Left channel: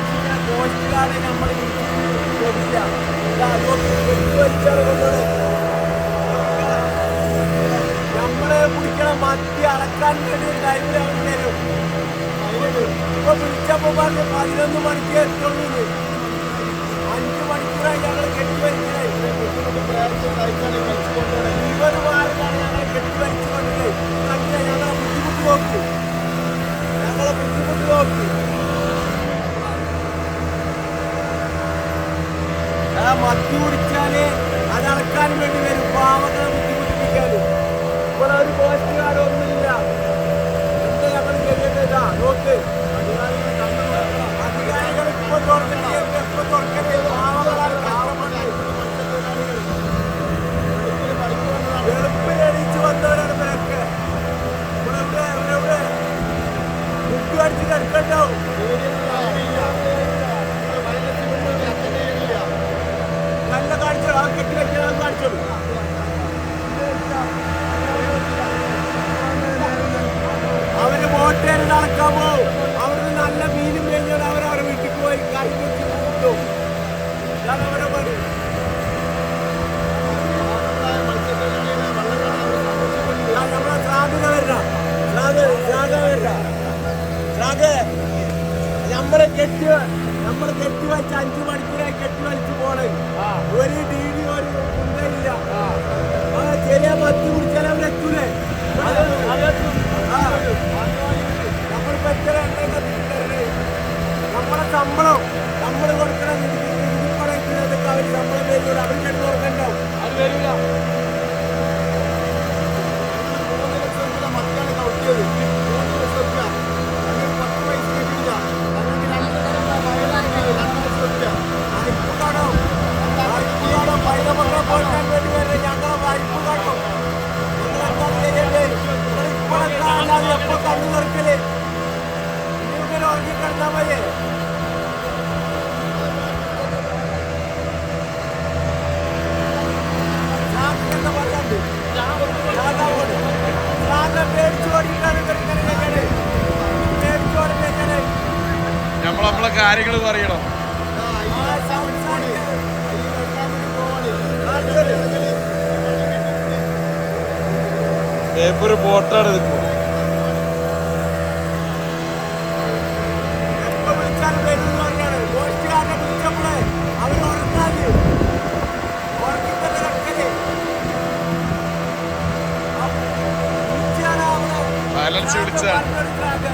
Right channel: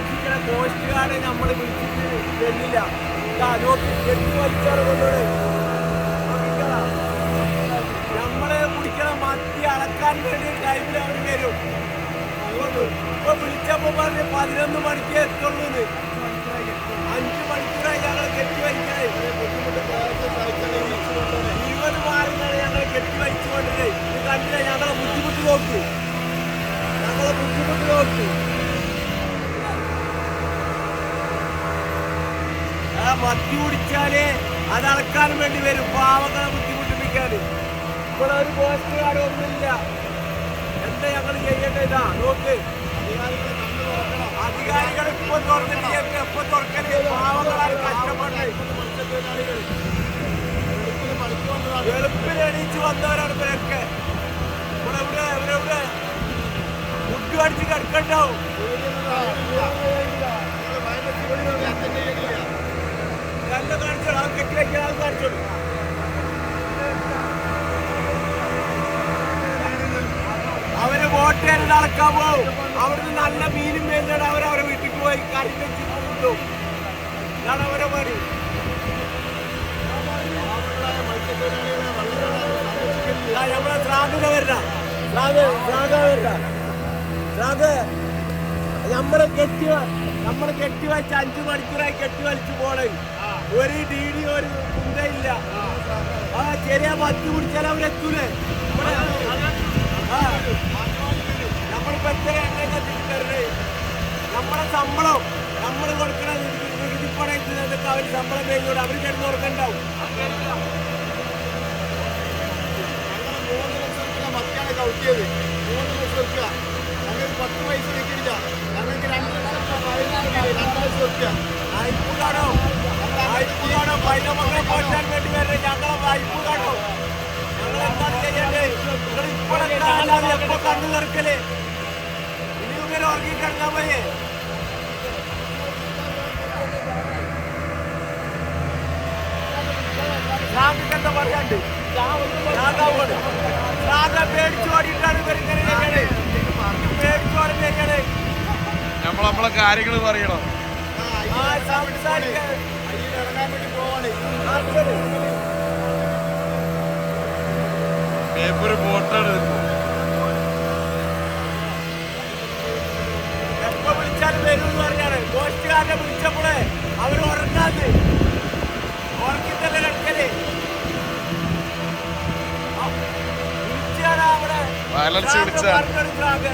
സംരക്ഷിക്കുന്ന coast guard നമ്മൾ വിളിച്ചിട്ട് തരില്ല. നമ്മള് കുടിക്കണ മത്തി അളക്കാൻ വേണ്ടി ടൈമിൽ അവർ വരും. ഇപ്പൊ വിളിച്ചപ്പോ പറഞ്ഞ് 11 മണിക്ക് എത്തുള്ളൂ. 5 മണിക്കൂറായി ഞങ്ങൾ കെട്ടിവലിക്കണേ. 20 മാറിലാണ് ഞങ്ങൾ കെട്ടിവലിച്ചു കൊണ്ടേ. ഇത് കണ്ടില്ല ഞങ്ങളെ ബുദ്ധിമുട്ട് നോക്കി. മത്തി കുടിച്ചാല് അത് അളക്കാനും വേണ്ടി വരും, പാവങ്ങളെ ബുദ്ധിമുട്ടിപ്പിക്കാന്. ഇപ്പോൾ ഒരു കോസ്റ്റ് ഗാർഡ് ഒന്നുമില്ല. എന്താ ഞങ്ങൾ ചെയ്യേണ്ടത്? ഇതാ നോക്ക്, അധികാരികൾ ഇപ്പൊ തുറന്നിട്ട് എപ്പോ തുറക്കല്? പാവങ്ങളാണ് കഷ്ടപ്പെട്ടത്. വെളുപ്പിന് എണീച്ച് വന്നവരാണ് ഇവരൊക്കെ. ഇവരെവിടെ ഫുഡ് അടിച്ച് കിടക്കണ്ടാവും. നല്ല കാണിച്ചോളൂ, ആ കെട്ടി വയ്ക്കാൻ അത് കാണിച്ചോളൂ. അവര് വോട്ടേര് നടക്കാൻ പോവും. അവിടുന്ന് നല്ല മീനും മേഞ്ഞാണ് അവരവരെ വീട്ടിൽ പോയി കറി വെച്ച് കൊണ്ടുപോകും. ഇതാണ് അവരെ പണി. നമ്മളെ ശ്രാദ്ധ വരണ നമ്മള് കെട്ടിവച്ച് 5 മണിക്കൂറായി കെട്ടിവലിച്ചു പോണേ. ഒരു DD ഒരു കുന്തയില്ല. ആ ചെറിയ മത്തി കുടിച്ചാൽ അവരെത്തൂലേ? നമ്മളിപ്പോ എത്ര എണ്ണയൊക്കെ തിരിച്ചറിയേ? നമ്മളെ ശമ്പളം നമ്മൾ കൊടുക്കണ നികുതിപ്പണയത്തിനൊക്കെ അവർ ശമ്പളം വേങ്ങൂടെ? അവർ കിടന്ന് ഉറക്കണ്ടാവും. അത് വരില്ല. ഞങ്ങൾ 3 ലക്ഷം മത്തിയാണ് കൗട്ടിയത്. 3 ലക്ഷം ഞങ്ങൾക്ക് 10 പൈസ കിട്ടിയില്ല. ഞങ്ങൾക്ക് 2 ലക്ഷം 2 ലക്ഷം റുപ്യ വായ്പ കടം. പൈലമക്കളെ പോറ്റാൻ വേണ്ടി വരെ ഞങ്ങളെ വായ്പ കടം. ഞങ്ങൾ എന്താണ് ചെയ്യണ്ടേ? നിങ്ങൾ ഇപ്പോഴൊക്കെ അല്ലാതെ എപ്പോ കണ്ണു നിറക്കല്? ഇനി ഇങ്ങനെ ഉറങ്ങി കിടന്നാ മതി. എന്താ പറയാണ്ട് പേടിച്ചു ഓടിയിട്ടാണ് ഇവരിങ്ങനെ ചെയ്യണേ. പേടിച്ചോടെ ചെയ്യണേ. നമ്മളെ കാര്യങ്ങൾ പറയണം. പേപ്പർ ബോട്ടാണ് ഇതിപ്പോ. എപ്പോ വിളിച്ചാലും വരും എന്ന് പറയാണ്. കോസ്റ്റ് ഗാർഡിനെ വിളിച്ചപ്പോഴേ അവര് ഉറങ്ങാന്ന് ഉറക്കി തന്നെ കിടക്കല്. വിളിച്ചാണ് അവിടെ വയലൻസ് വിളിച്ച പറഞ്ഞെടുക്കാതെ